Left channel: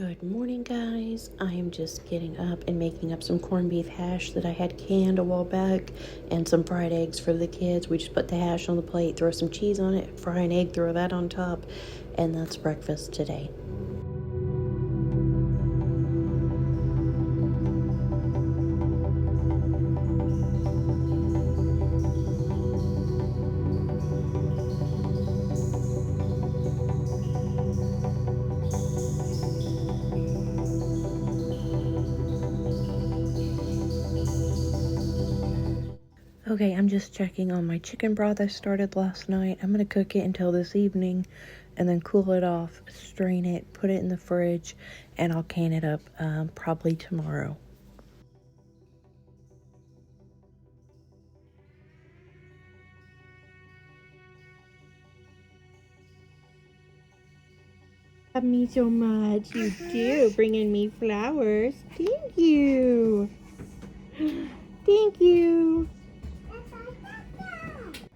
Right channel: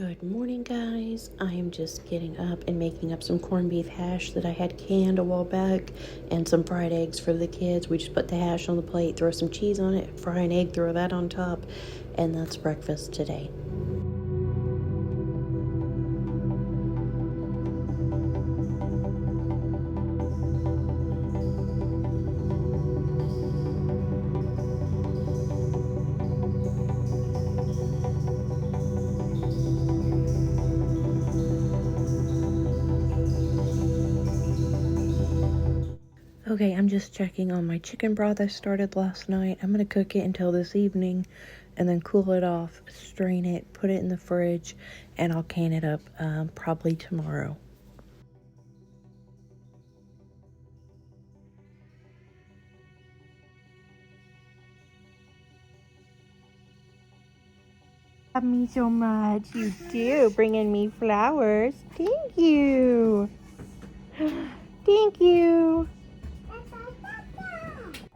Good morning, guys. I am just getting up and making up some corned beef hash that I had canned a while back and some fried eggs for the kids. We just put the hash on the plate, throw some cheese on it, fry an egg, throw that on top, and that's breakfast today. Okay, I'm just checking on my chicken broth I started last night. I'm going to cook it until this evening and then cool it off, strain it, put it in the fridge, and I'll can it up probably tomorrow. Love me so much. You do, bringing me flowers. Thank you. Thank you.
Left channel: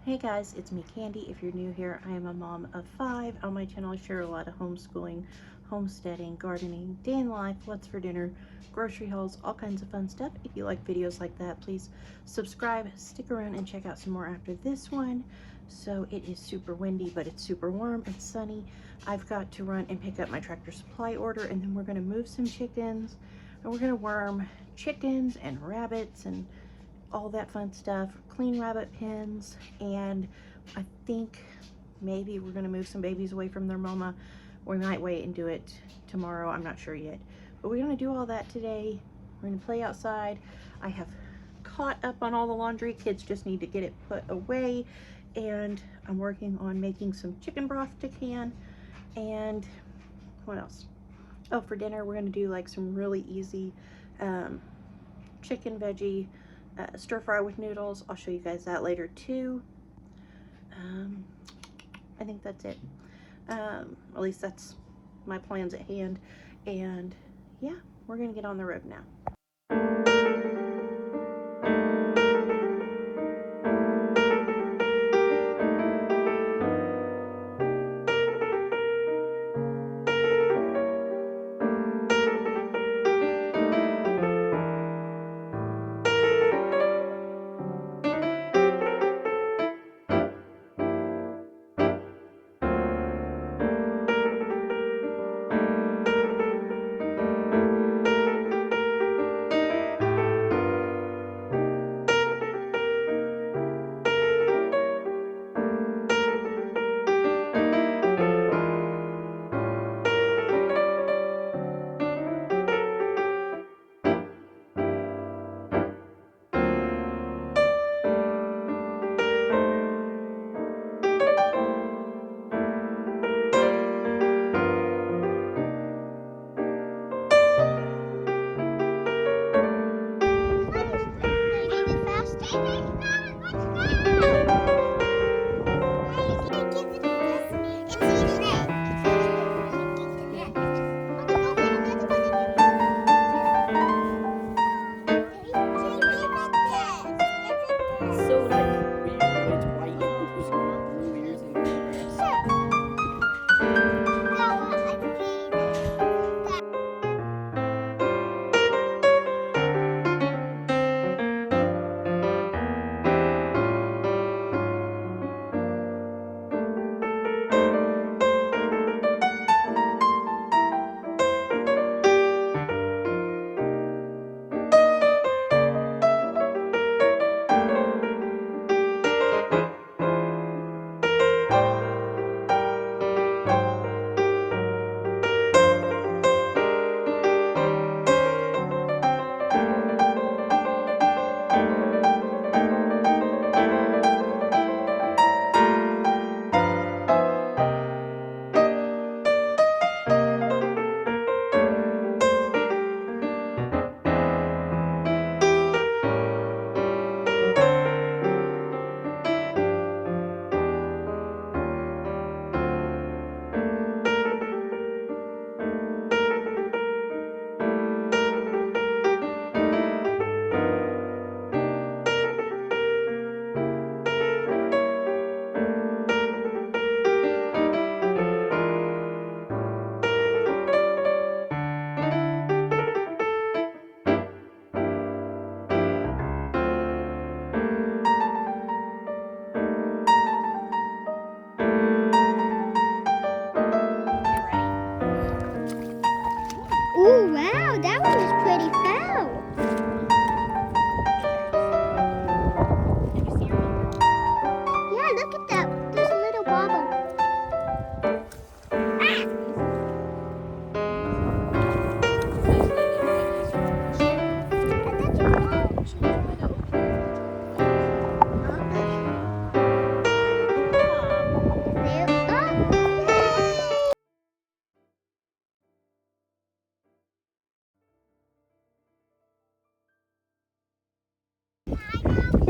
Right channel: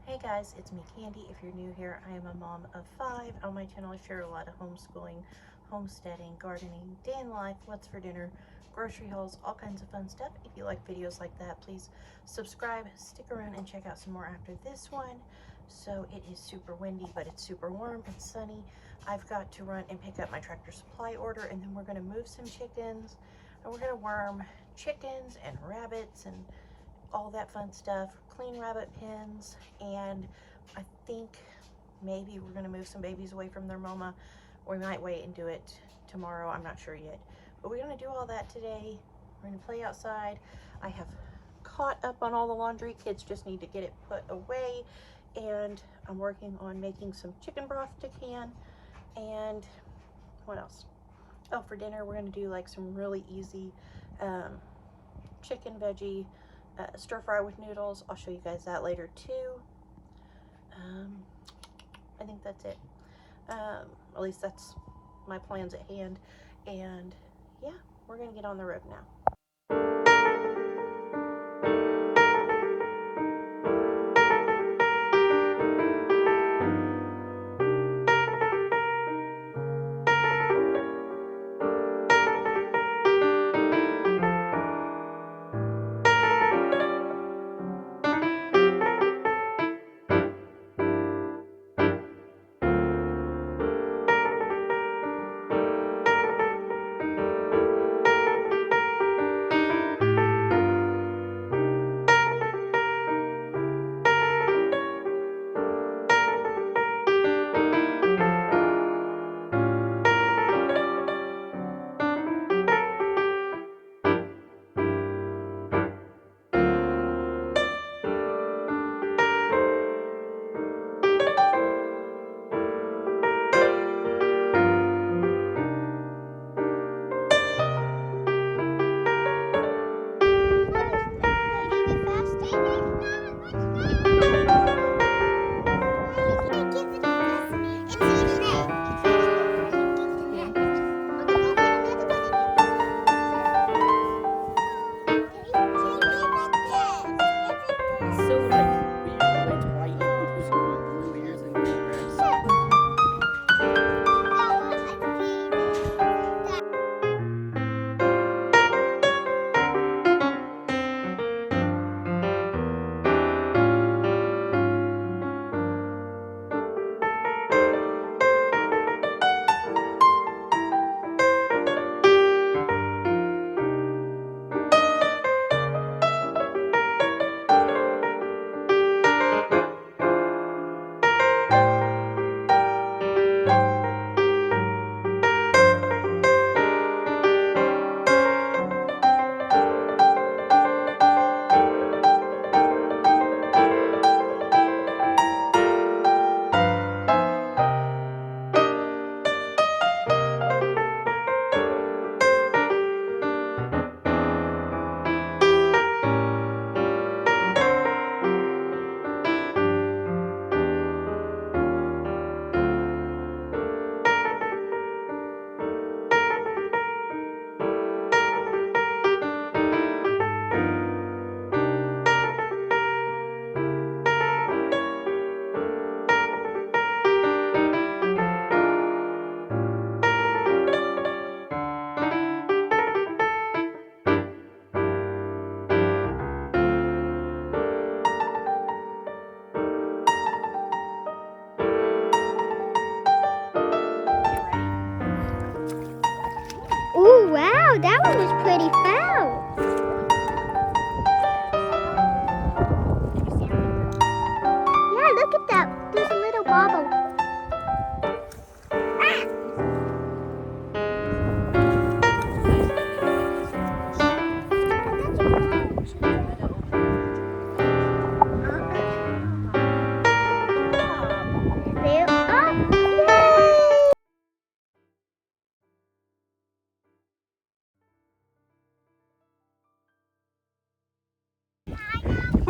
Hey guys, it's me Candy. If you're new here, I am a mom of 5. On my channel I share a lot of homeschooling, homesteading, gardening, day in life, what's for dinner, grocery hauls, all kinds of fun stuff. If you like videos like that, please subscribe, stick around, and check out some more after this one. So it is super windy, but it's super warm, it's sunny. I've got to run and pick up my Tractor Supply order, and then we're going to move some chickens, and we're going to worm chickens and rabbits and all that fun stuff, clean rabbit pens, and I think maybe we're going to move some babies away from their mama. We might wait and do it tomorrow, I'm not sure yet, but we're going to do all that today. We're going to play outside. I have caught up on all the laundry. Kids just need to get it put away, and I'm working on making some chicken broth to can. And what else? Oh, for dinner we're going to do like some really easy chicken veggie stir fry with noodles. I'll show you guys that later too. I think that's it. At least that's my plans at hand. And yeah, we're gonna get on the road now.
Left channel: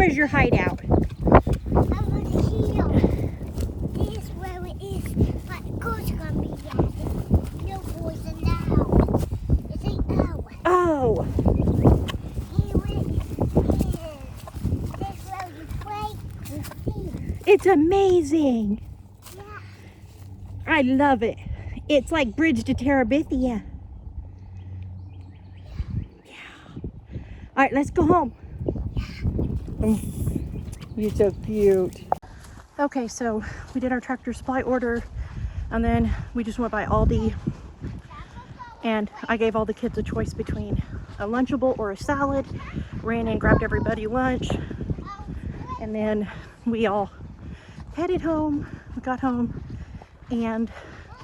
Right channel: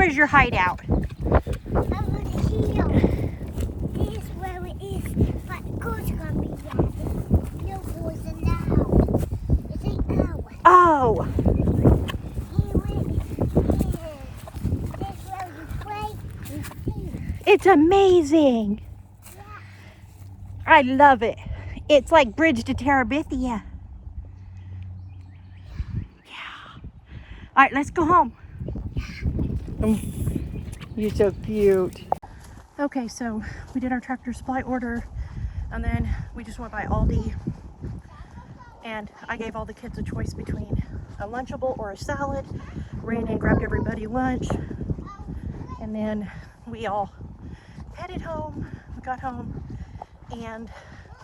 Where's your hideout? Over here. This is where it is. But the goat's gonna be there. No boys in the house. It's an hour. Oh, Here it is. This is where you play and see. it's amazing. Yeah. I love it. It's like Bridge to Terabithia. Yeah. All right, let's go home. You're so cute. Okay, so we did our Tractor Supply order, and then we just went by Aldi, and I gave all the kids a choice between a Lunchable or a salad. Ran in, grabbed everybody lunch, and then we all headed home. We got home, and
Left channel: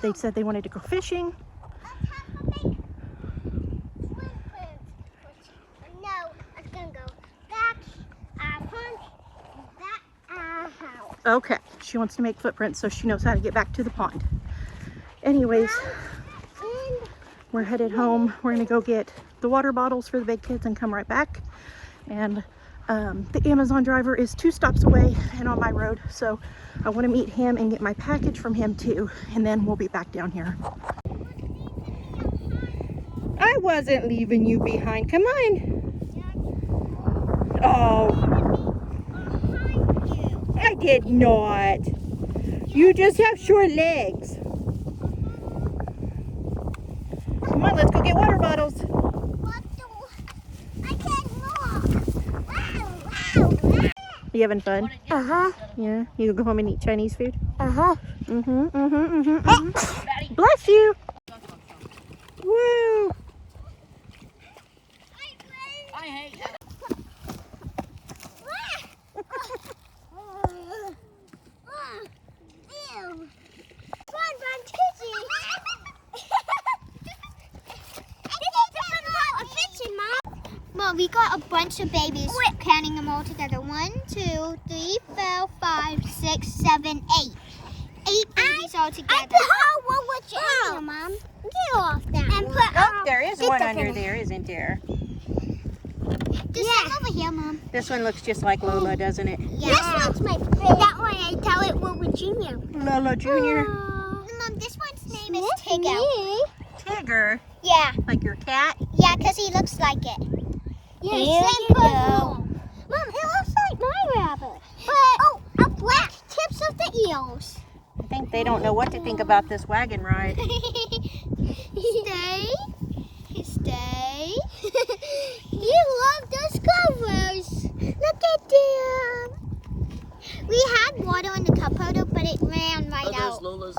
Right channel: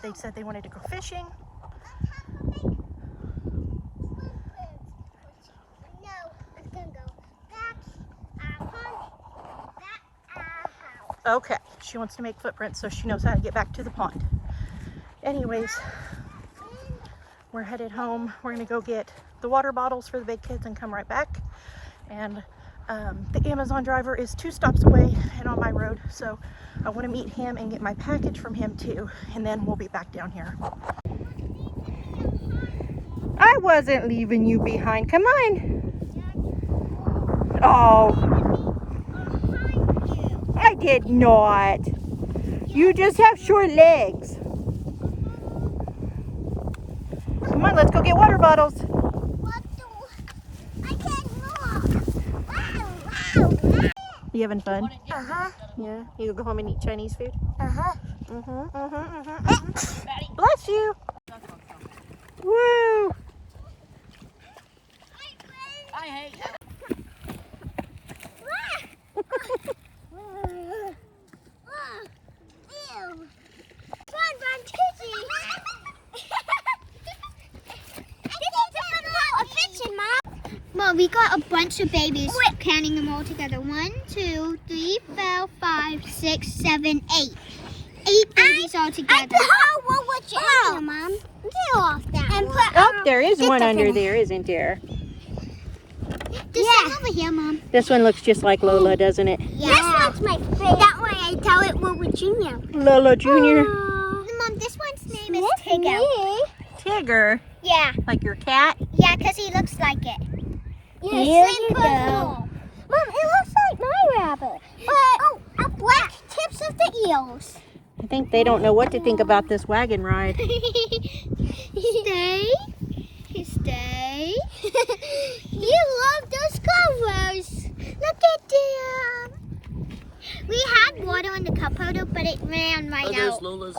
they said they wanted to go fishing. No, it's gonna go back our pond, back our house. Okay, she wants to make footprints so she knows how to get back to the pond. Anyways, And we're headed home. We're gonna go get the water bottles for the big kids and come right back. And the Amazon driver is 2 stops away and on my road, so I want to meet him and get my package from him too, and then we'll be back down here. I wasn't leaving you behind. Come on. Oh, I did not. You just have short legs. Come on, let's go get water bottles. what do I can't walk. Wow. You having fun? Uh-huh. Yeah. You go home and eat Chinese food? Uh-huh. Bless you. Woo. I hate you. Ew. Fun, kissy. Mom, we got a bunch of babies. Counting them all together. 1, 2, 3, 4, 5, 6, 7, 8. 8 babies all together. What would you do, Mom? Get off that. And put. Oh, there is one under there, isn't there? There's some over here, Mom. This one looks just like Lola, doesn't it? Yeah. This one's my favorite. That one I tell it what would you know? Lola Jr. Mom, this one's name is Tigger. Tigger. Yeah. Like your cat? Yeah, because he looks like it. Here you go. Mom, it looks like my rabbit. But, black tips of the eels. I think they don't know what to think about this wagon ride. Stay. Stay. You love those covers. Look at them. We had water in the cup holder, but it ran right out. Lola's.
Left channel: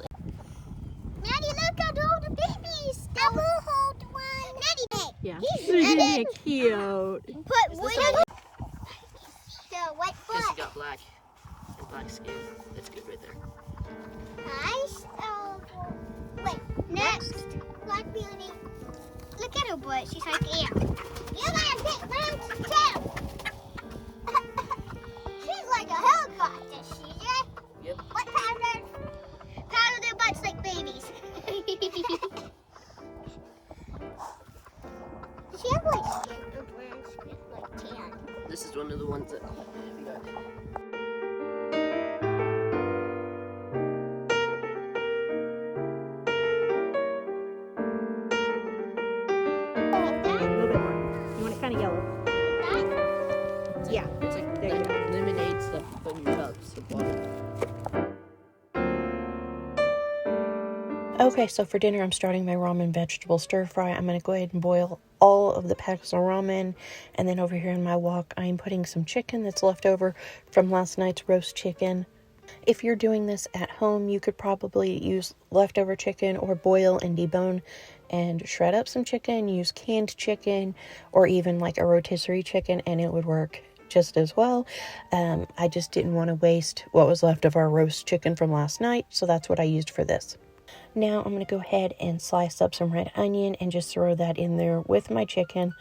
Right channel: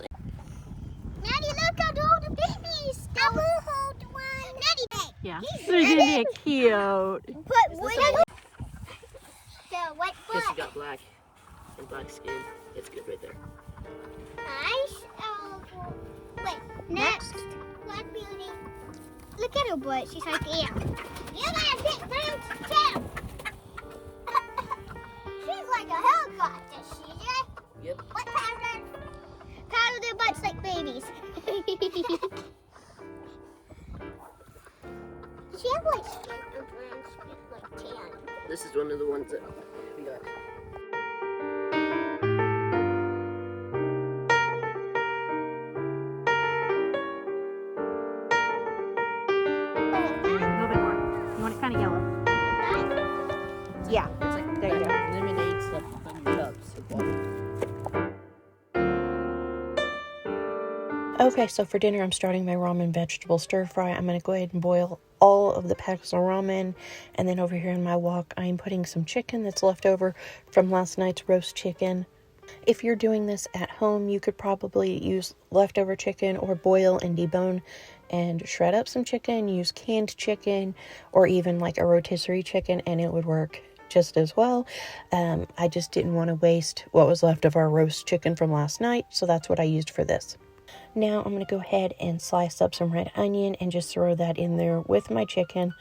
Maddie, look at all the babies. I will hold one. Maddie, Yeah. They're cute. put wood on. So what? Because you got black and black skin. It's good right there. Nice. Wait. Next, Black Beauty. Look at her butt. She's like, yeah. You gotta pick round too. She's like a helicopter, she is. Yep. What powder? Powder their butts like babies. She has like skin or brown skin, like tan. This is one of the ones that we got. A little bit more. You want it kind of yellow. Yeah. There you go. Lemonade stuff to put in your cups of water. Okay, so for dinner, I'm starting my ramen vegetable stir fry. I'm going to go ahead and boil all of the packs of ramen. And then over here in my wok, I'm putting some chicken that's left over from last night's roast chicken. If you're doing this at home, you could probably use leftover chicken or boil and debone and shred up some chicken, use canned chicken, or even like a rotisserie chicken, and it would work just as well. I just didn't want to waste what was left of our roast chicken from last night, so that's what I used for this. Now I'm going to go ahead and slice up some red onion and just throw that in there with my chicken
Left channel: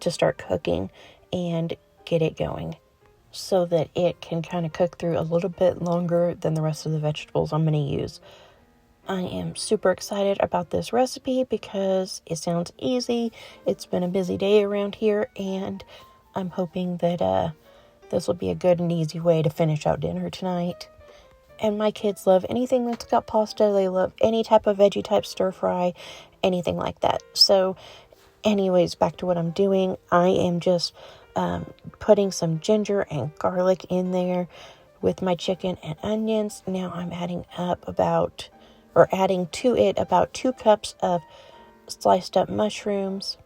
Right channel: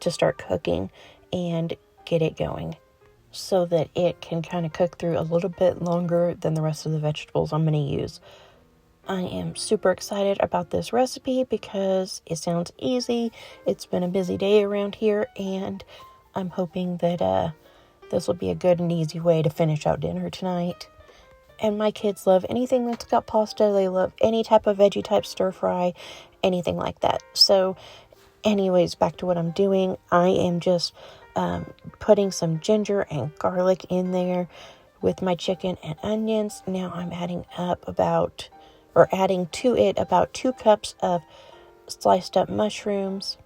to start cooking and get it going so that it can kind of cook through a little bit longer than the rest of the vegetables I'm going to use. I am super excited about this recipe because it sounds easy. It's been a busy day around here, and I'm hoping that This will be a good and easy way to finish out dinner tonight. And my kids love anything that's got pasta. They love any type of veggie type stir fry, anything like that. So anyways, back to what I'm doing. I am just putting some ginger and garlic in there with my chicken and onions. Now I'm adding to it about 2 cups of sliced up mushrooms,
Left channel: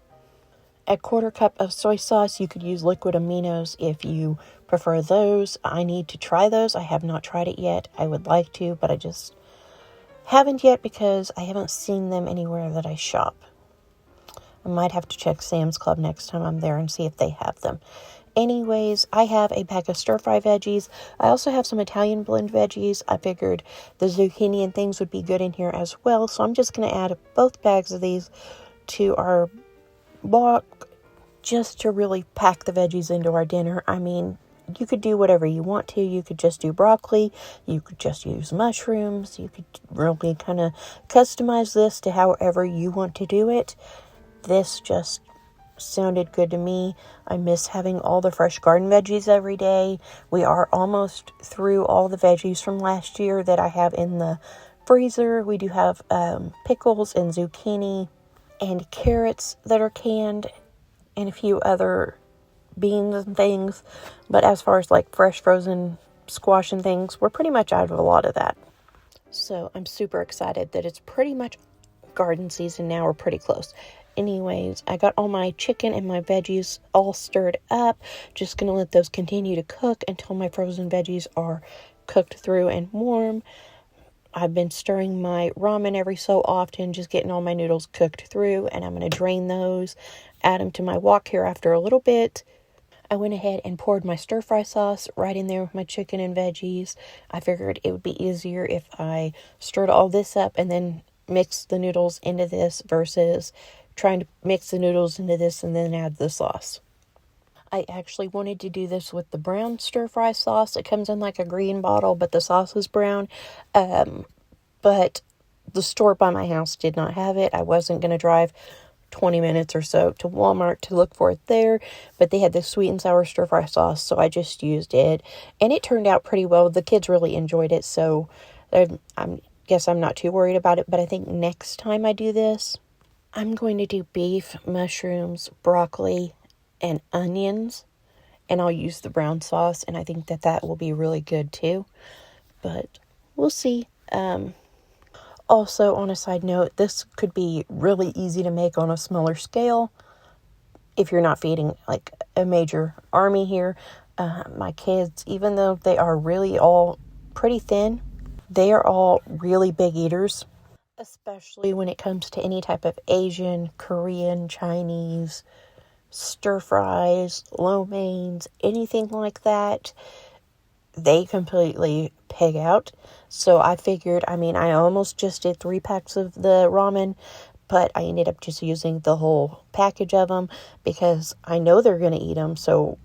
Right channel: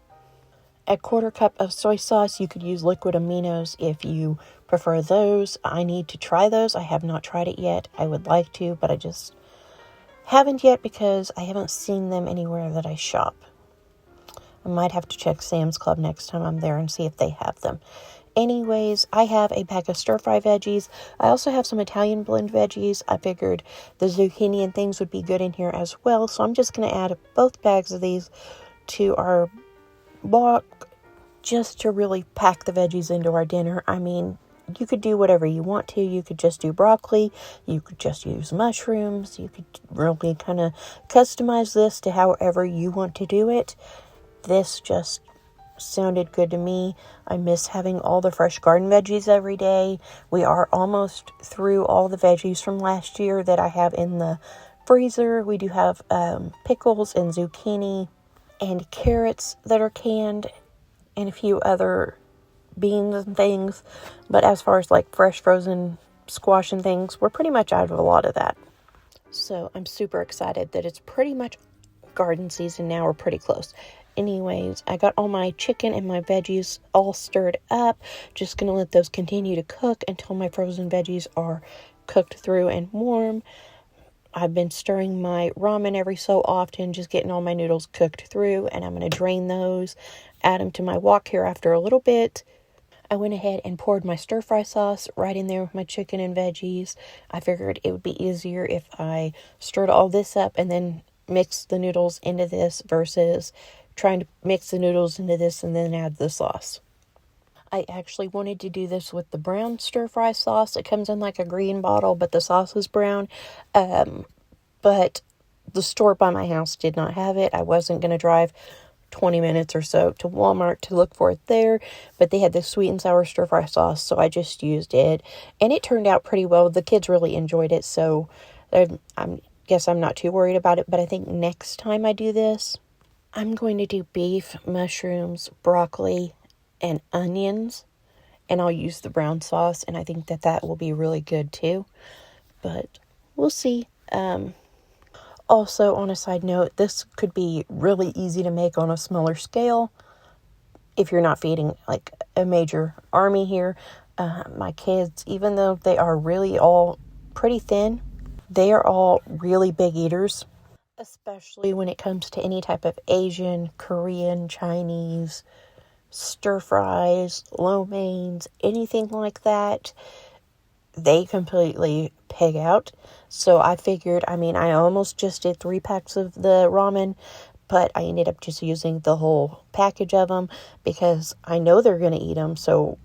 a 1/4 cup of soy sauce. You could use liquid aminos if you prefer those. I need to try those. I have not tried it yet. I would like to, but I just haven't yet because I haven't seen them anywhere that I shop. I might have to check Sam's Club next time I'm there and see if they have them. Anyways, I have a bag of stir-fry veggies. I also have some Italian blend veggies. I figured the zucchini and things would be good in here as well. So I'm just going to add both bags of these to our wok just to really pack the veggies into our dinner. I mean, you could do whatever you want to. You could just do broccoli. You could just use mushrooms. You could really kind of customize this to however you want to do it. This just sounded good to me. I miss having all the fresh garden veggies every day. We are almost through all the veggies from last year that I have in the freezer. We do have pickles and zucchini and carrots that are canned and a few other beans and things. But as far as like fresh frozen squash and things, we're pretty much out of a lot of that. So I'm super excited that it's pretty much garden season now. We're pretty close. Anyways, I got all my chicken and my veggies all stirred up. Just going to let those continue to cook until my frozen veggies are cooked through and warm. I've been stirring my ramen every so often, just getting all my noodles cooked through, and I'm going to drain those, add them to my wok here after a little bit. I went ahead and poured my stir-fry sauce right in there with my chicken and veggies. I figured it would be easier if I stirred all this up and then mixed the noodles into this versus trying to mix the noodles into this and then add the sauce. I actually wanted to do this with the brown stir-fry sauce. It comes in like a green bottle, but the sauce is brown. But the store by my house did not have it. I wasn't going to drive 20 minutes or so to Walmart to look for it there, but they had the sweet and sour stir-fry sauce, so I just used it, and it turned out pretty well. The kids really enjoyed it, so I guess I'm not too worried about it, but I think next time I do this, I'm going to do beef, mushrooms, broccoli, and onions, and I'll use the brown sauce, and I think that will be really good too, but we'll see. Also, on a side note, this could be really easy to make on a smaller scale if you're not feeding like a major army here. My kids, even though they are really all pretty thin, they are all really big eaters, especially when it comes to any type of Asian, Korean, Chinese, stir fries, lo meins, anything like that. They completely pig out. So I figured, I almost just did 3 packs of the ramen, but I ended up just using the whole package of them because I know they're going to eat them. So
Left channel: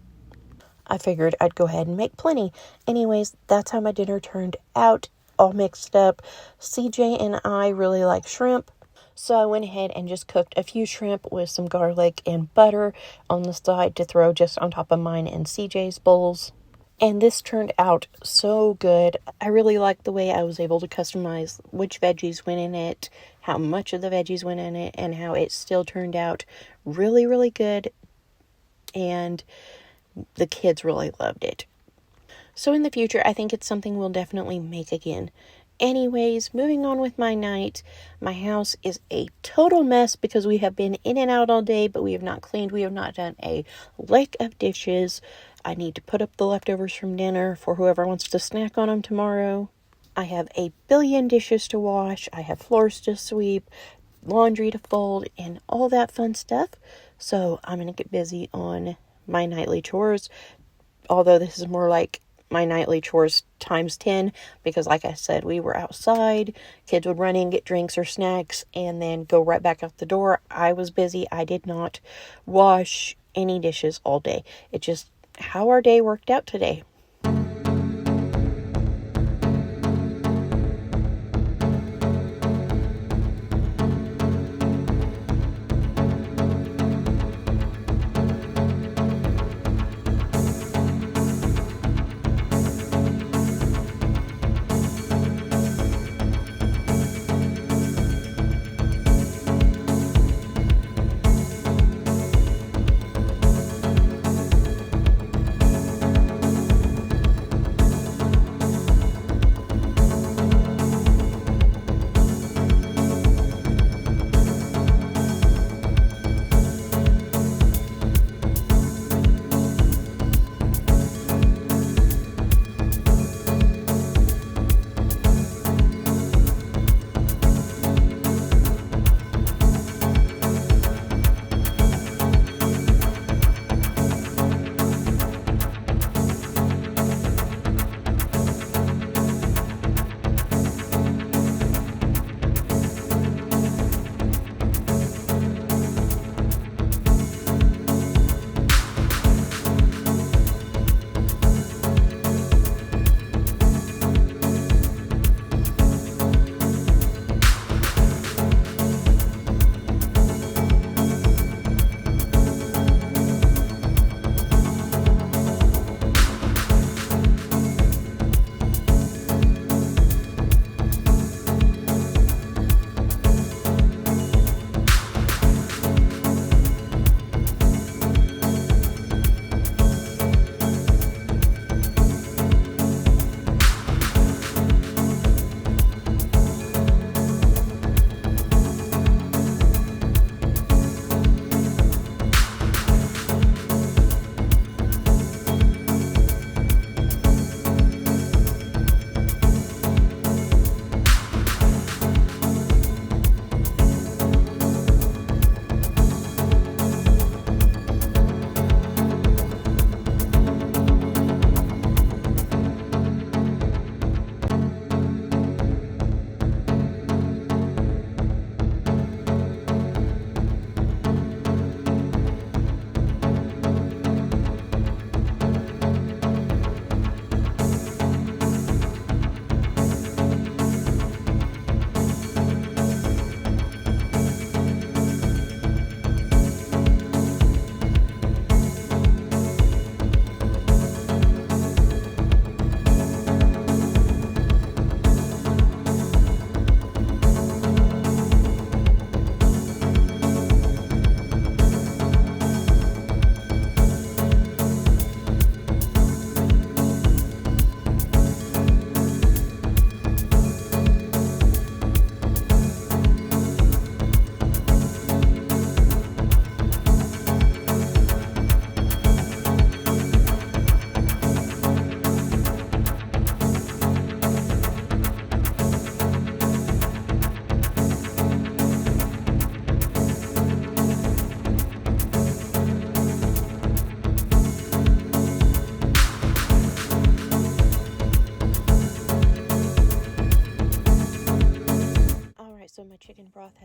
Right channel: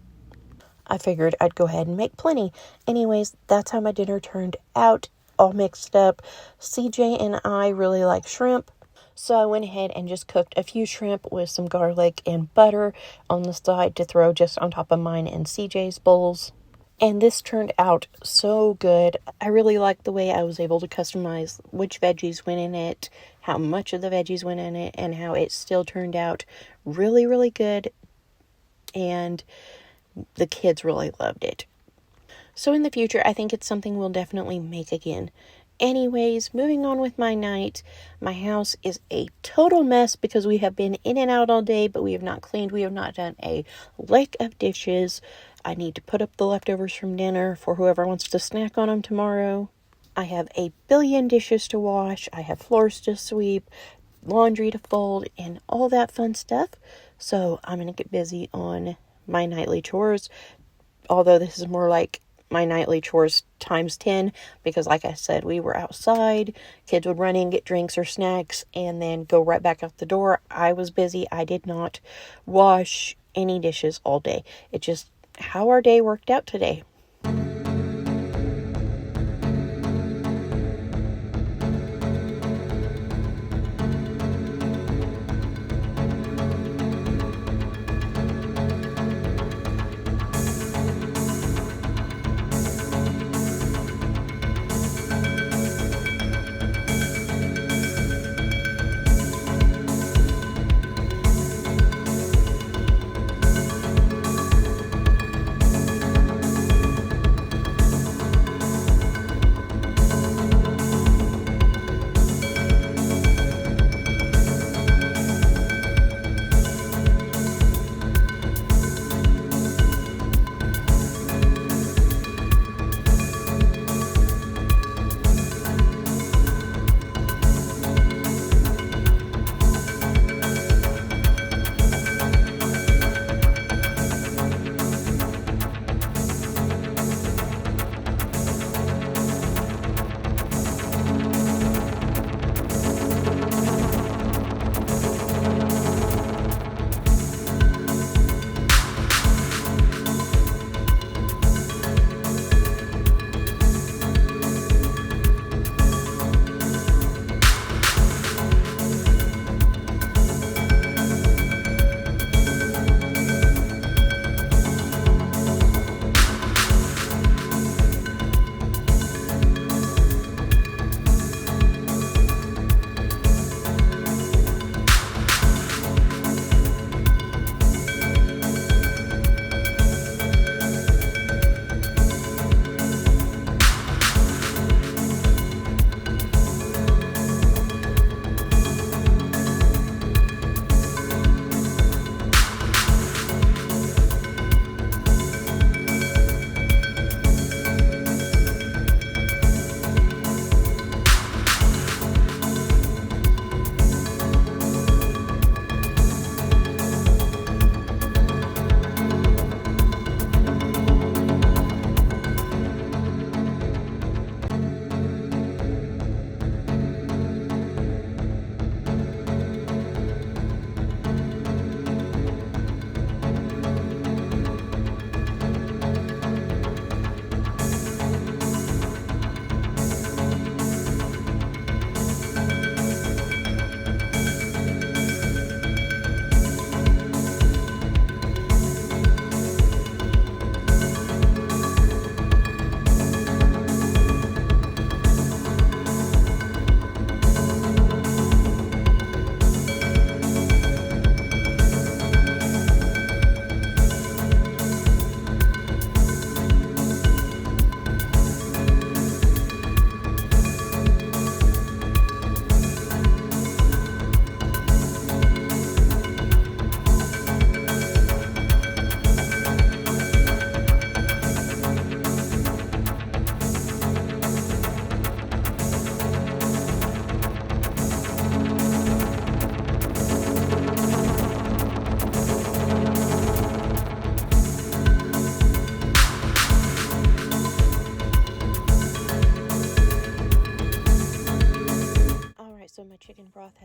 I figured I'd go ahead and make plenty. Anyways, that's how my dinner turned out, all mixed up. CJ and I really like shrimp, so I went ahead and just cooked a few shrimp with some garlic and butter on the side to throw just on top of mine and CJ's bowls. And this turned out so good. I really liked the way I was able to customize which veggies went in it, how much of the veggies went in it, and how it still turned out really, really good. And the kids really loved it. So in the future, I think it's something we'll definitely make again. Anyways, moving on with my night. My house is a total mess because we have been in and out all day, but we have not cleaned. We have not done a lick of dishes. I need to put up the leftovers from dinner for whoever wants to snack on them tomorrow. I have a billion dishes to wash. I have floors to sweep, laundry to fold, and all that fun stuff. So I'm going to get busy on my nightly chores. Although this is more like my nightly chores times 10, because like I said, we were outside, kids would run in, get drinks or snacks, and then go right back out the door. I was busy. I did not wash any dishes all day. It's just how our day worked out today.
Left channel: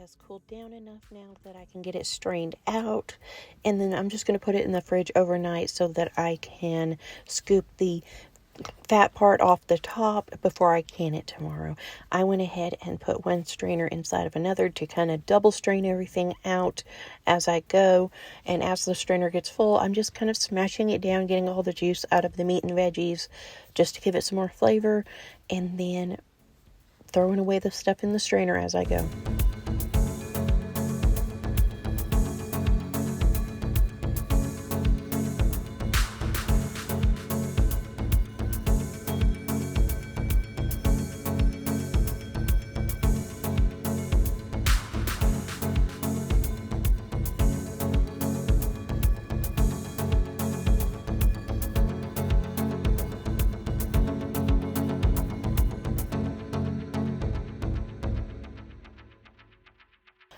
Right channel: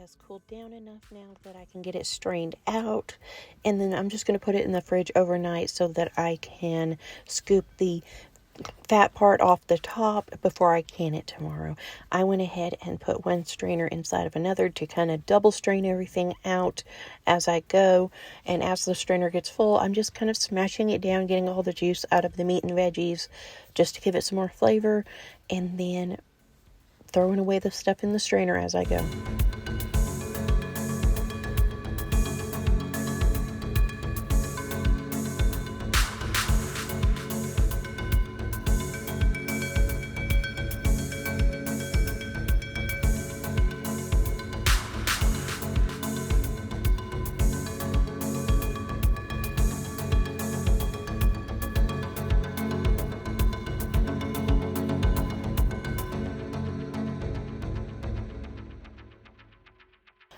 has cooled down enough now that I can get it strained out. And then I'm just going to put it in the fridge overnight so that I can scoop the fat part off the top before I can it tomorrow. I went ahead and put one strainer inside of another to kind of double strain everything out as I go. And as the strainer gets full, I'm just kind of smashing it down, getting all the juice out of the meat and veggies just to give it some more flavor, and then throwing away the stuff in the strainer as I go.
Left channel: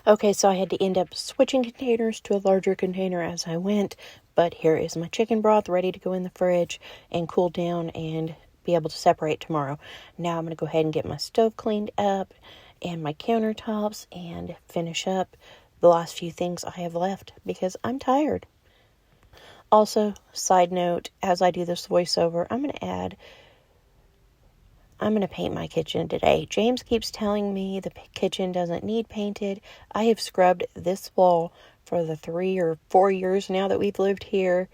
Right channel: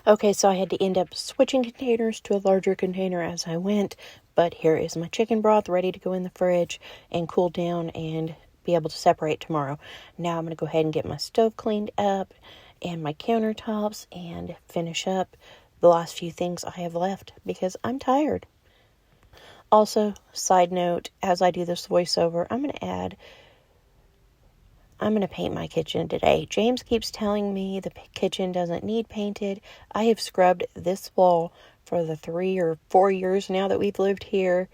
Okay, so I had to end up switching containers to a larger container as I went, but here is my chicken broth ready to go in the fridge and cool down and be able to separate tomorrow. Now I'm going to go ahead and get my stove cleaned up and my countertops and finish up the last few things I have left because I'm tired. Also, side note, as I do this voiceover, I'm going to paint my kitchen today. James keeps telling me the kitchen doesn't need painted. I have scrubbed this wall for the 3 or 4 years now that we've lived here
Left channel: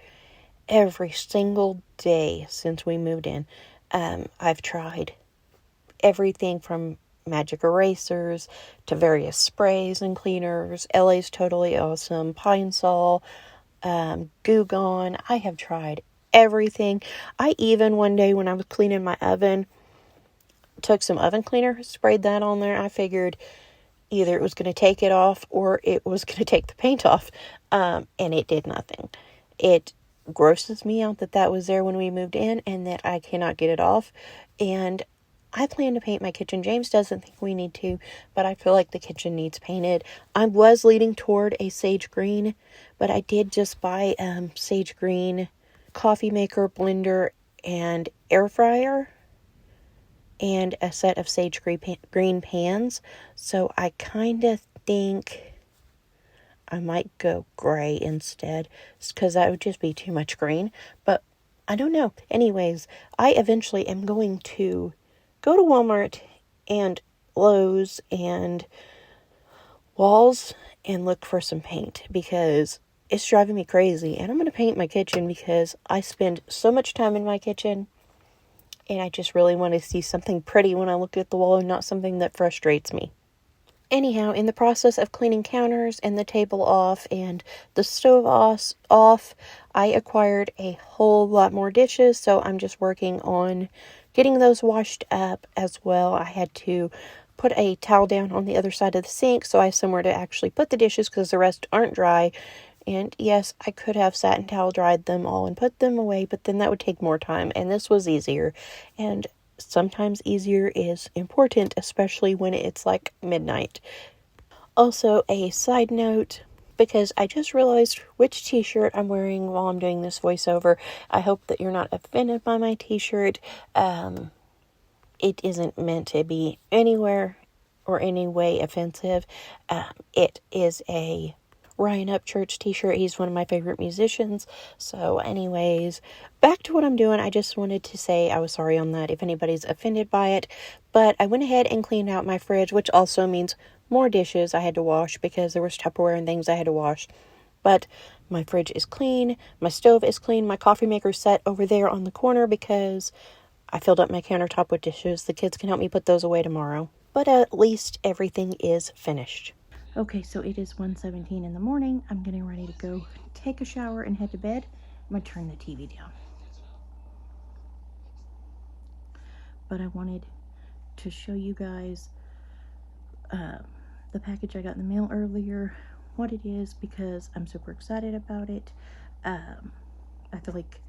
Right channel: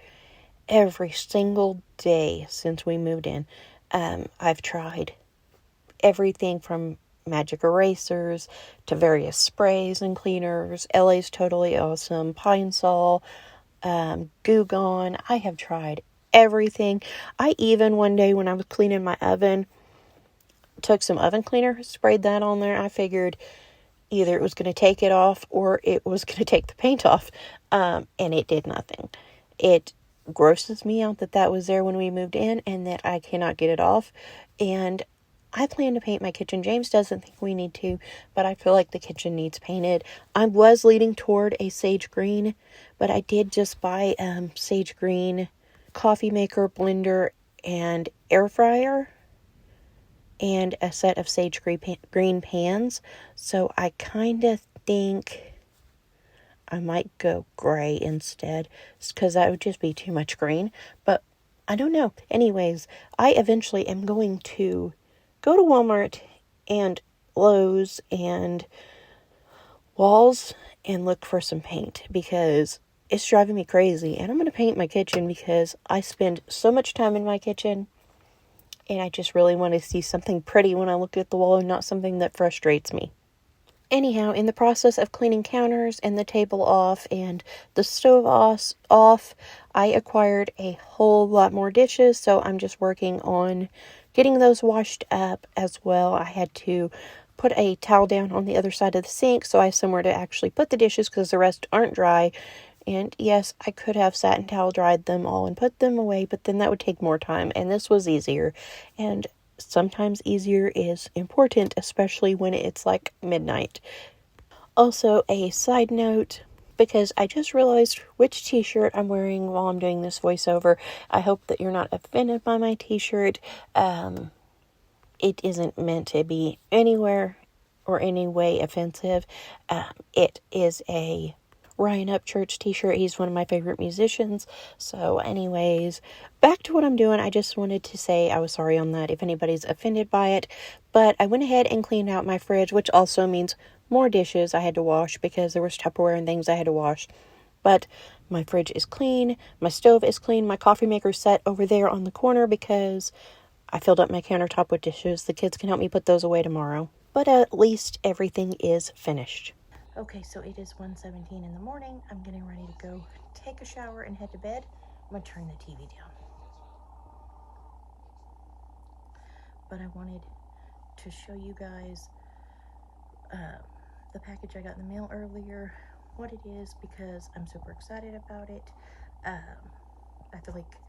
every single day since we moved in. I've tried everything from magic erasers to various sprays and cleaners. LA's Totally Awesome, Pine Sol, Goo Gone. I have tried everything. I even one day when I was cleaning my oven, took some oven cleaner, sprayed that on there. I figured either it was going to take it off or it was going to take the paint off, and it did nothing. It grosses me out that was there when we moved in and that I cannot get it off, and I plan to paint my kitchen. James doesn't think we need to, but I feel like the kitchen needs painted. I was leaning toward a sage green, but I did just buy sage green coffee maker, blender, and air fryer, and a set of sage green pans. So I kind of think I might go gray instead, because that would just be too much green. But I don't know. Anyways, I eventually am going to go to Walmart and Lowe's and Walls and look for some paint because it's driving me crazy. And I'm going to paint my kitchen because I spend so much time in my kitchen. And I just really want to see something pretty when I look at the wall and not something that frustrates me. Anyhow, in the process of cleaning counters and the table off and the stove off, I acquired a whole lot more dishes. So I'm just working on getting those washed up as well. I had to put a towel down on the other side of the sink so I have somewhere to actually put the dishes because the rest aren't dry. And yes, I could have sat and towel dried them all and put them away, but then that would take more time, and this was easier. And sometimes easier is important, especially when it's like midnight. Also, a side note, because I just realized which t-shirt I'm wearing while I'm doing this voiceover. I hope that you're not offended by my t-shirt. It isn't meant to be anywhere or any way offensive. It is a Ryan Upchurch t-shirt. He's one of my favorite musicians. So anyways, back to what I'm doing. I just wanted to say I was sorry on that if anybody's offended by it. But I went ahead and cleaned out my fridge, which also means more dishes I had to wash because there was Tupperware and things I had to wash. But my fridge is clean. My stove is clean. My coffee maker's set over there on the corner because I filled up my countertop with dishes. The kids can help me put those away tomorrow. But at least everything is finished. Okay, so it is 1:17 in the morning. I'm getting ready to go take a shower and head to bed. I'm going to turn the TV down. But I wanted to show you guys the package I got in the mail earlier, what it is, because I'm super excited about it. I feel like,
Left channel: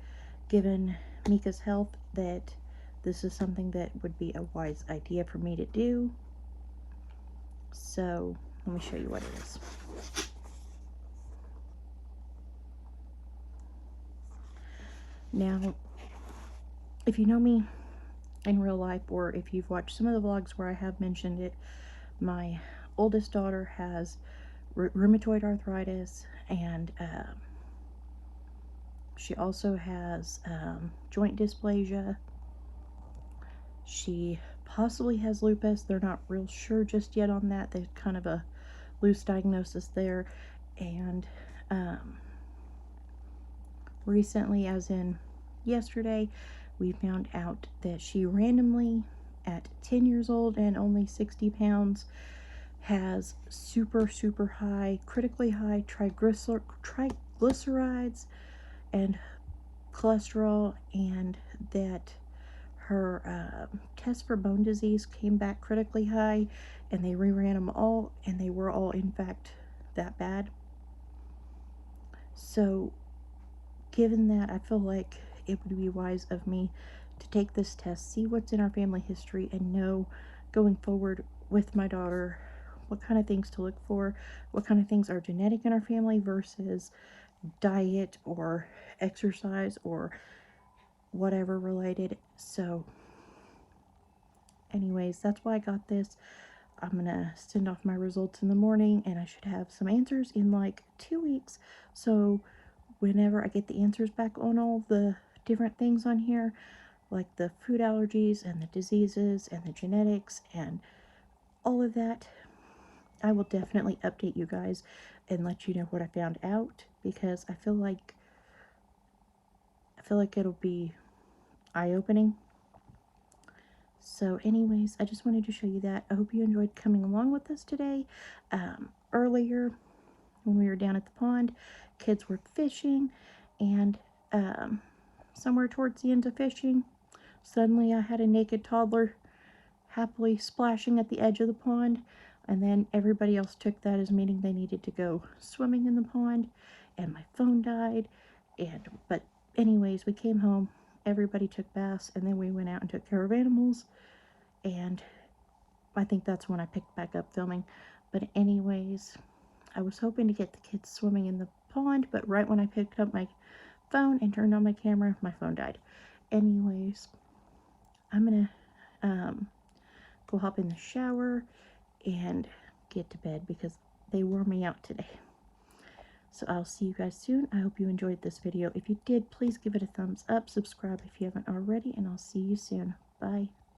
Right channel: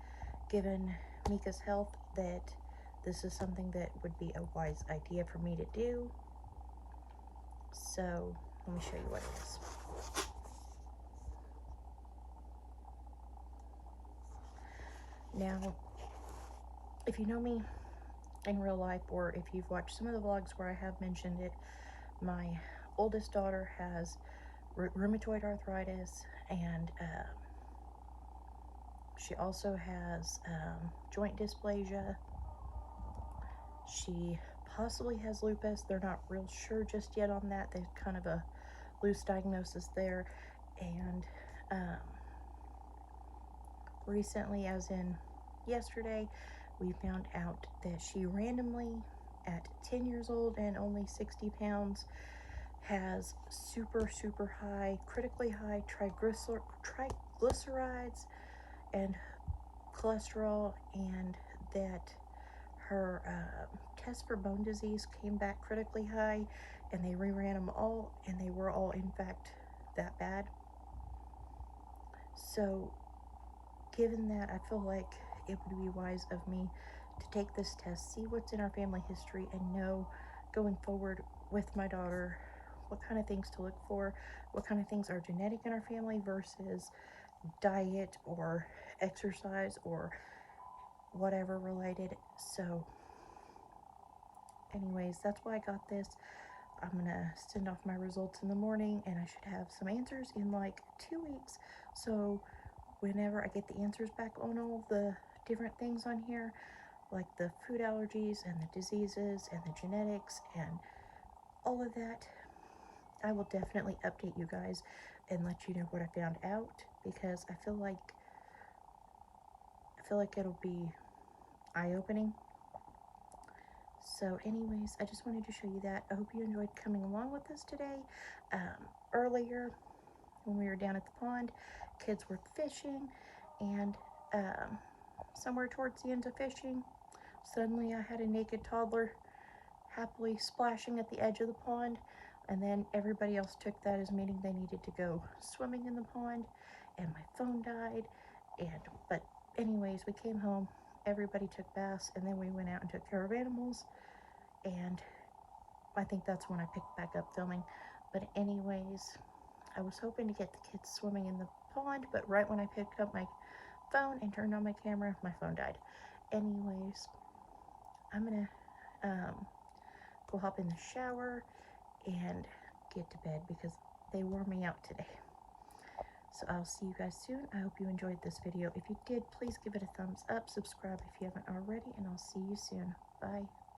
given Mika's health, that this is something that would be a wise idea for me to do. So let me show you what it is. Now, if you know me in real life, or if you've watched some of the vlogs where I have mentioned it, my oldest daughter has rheumatoid arthritis, and she also has joint dysplasia. She possibly has lupus. They're not real sure just yet on that. There's kind of a loose diagnosis there. And recently, as in yesterday, we found out that she randomly, at 10 years old and only 60 pounds, has super high, critically high triglycerides and cholesterol, and that her test for bone disease came back critically high, and they reran them all, and they were all in fact that bad. So given that, I feel like it would be wise of me to take this test, see what's in our family history, and know going forward with my daughter what kind of things to look for, what kind of things are genetic in our family versus diet or exercise or whatever related. So anyways, that's why I got this. I'm gonna send off my results in the morning, and I should have some answers in like 2 weeks. So whenever I get the answers back on all the different things on here, like the food allergies and the diseases and the genetics and all of that, I will definitely update you guys and let you know what I found out, because I feel like it'll be eye-opening. So anyways, I just wanted to show you that. I hope you enjoyed coming along with us today. Earlier, when we were down at the pond, kids were fishing, and somewhere towards the end of fishing, suddenly I had a naked toddler happily splashing at the edge of the pond, and then everybody else took that as meaning they needed to go swimming in the pond, and my phone died. But anyways, we came home, everybody took baths, and then we went out and took care of animals, and I think that's when I picked back up filming. But anyways, I was hoping to get the kids swimming in the pond, but right when I picked up my phone and turned on my camera, my phone died. Anyways, I'm gonna go hop in the shower and get to bed because they wore me out today. So I'll see you guys soon. I hope you enjoyed this video. If you did, please give it a thumbs up, subscribe if you haven't already, and I'll see you soon. Bye.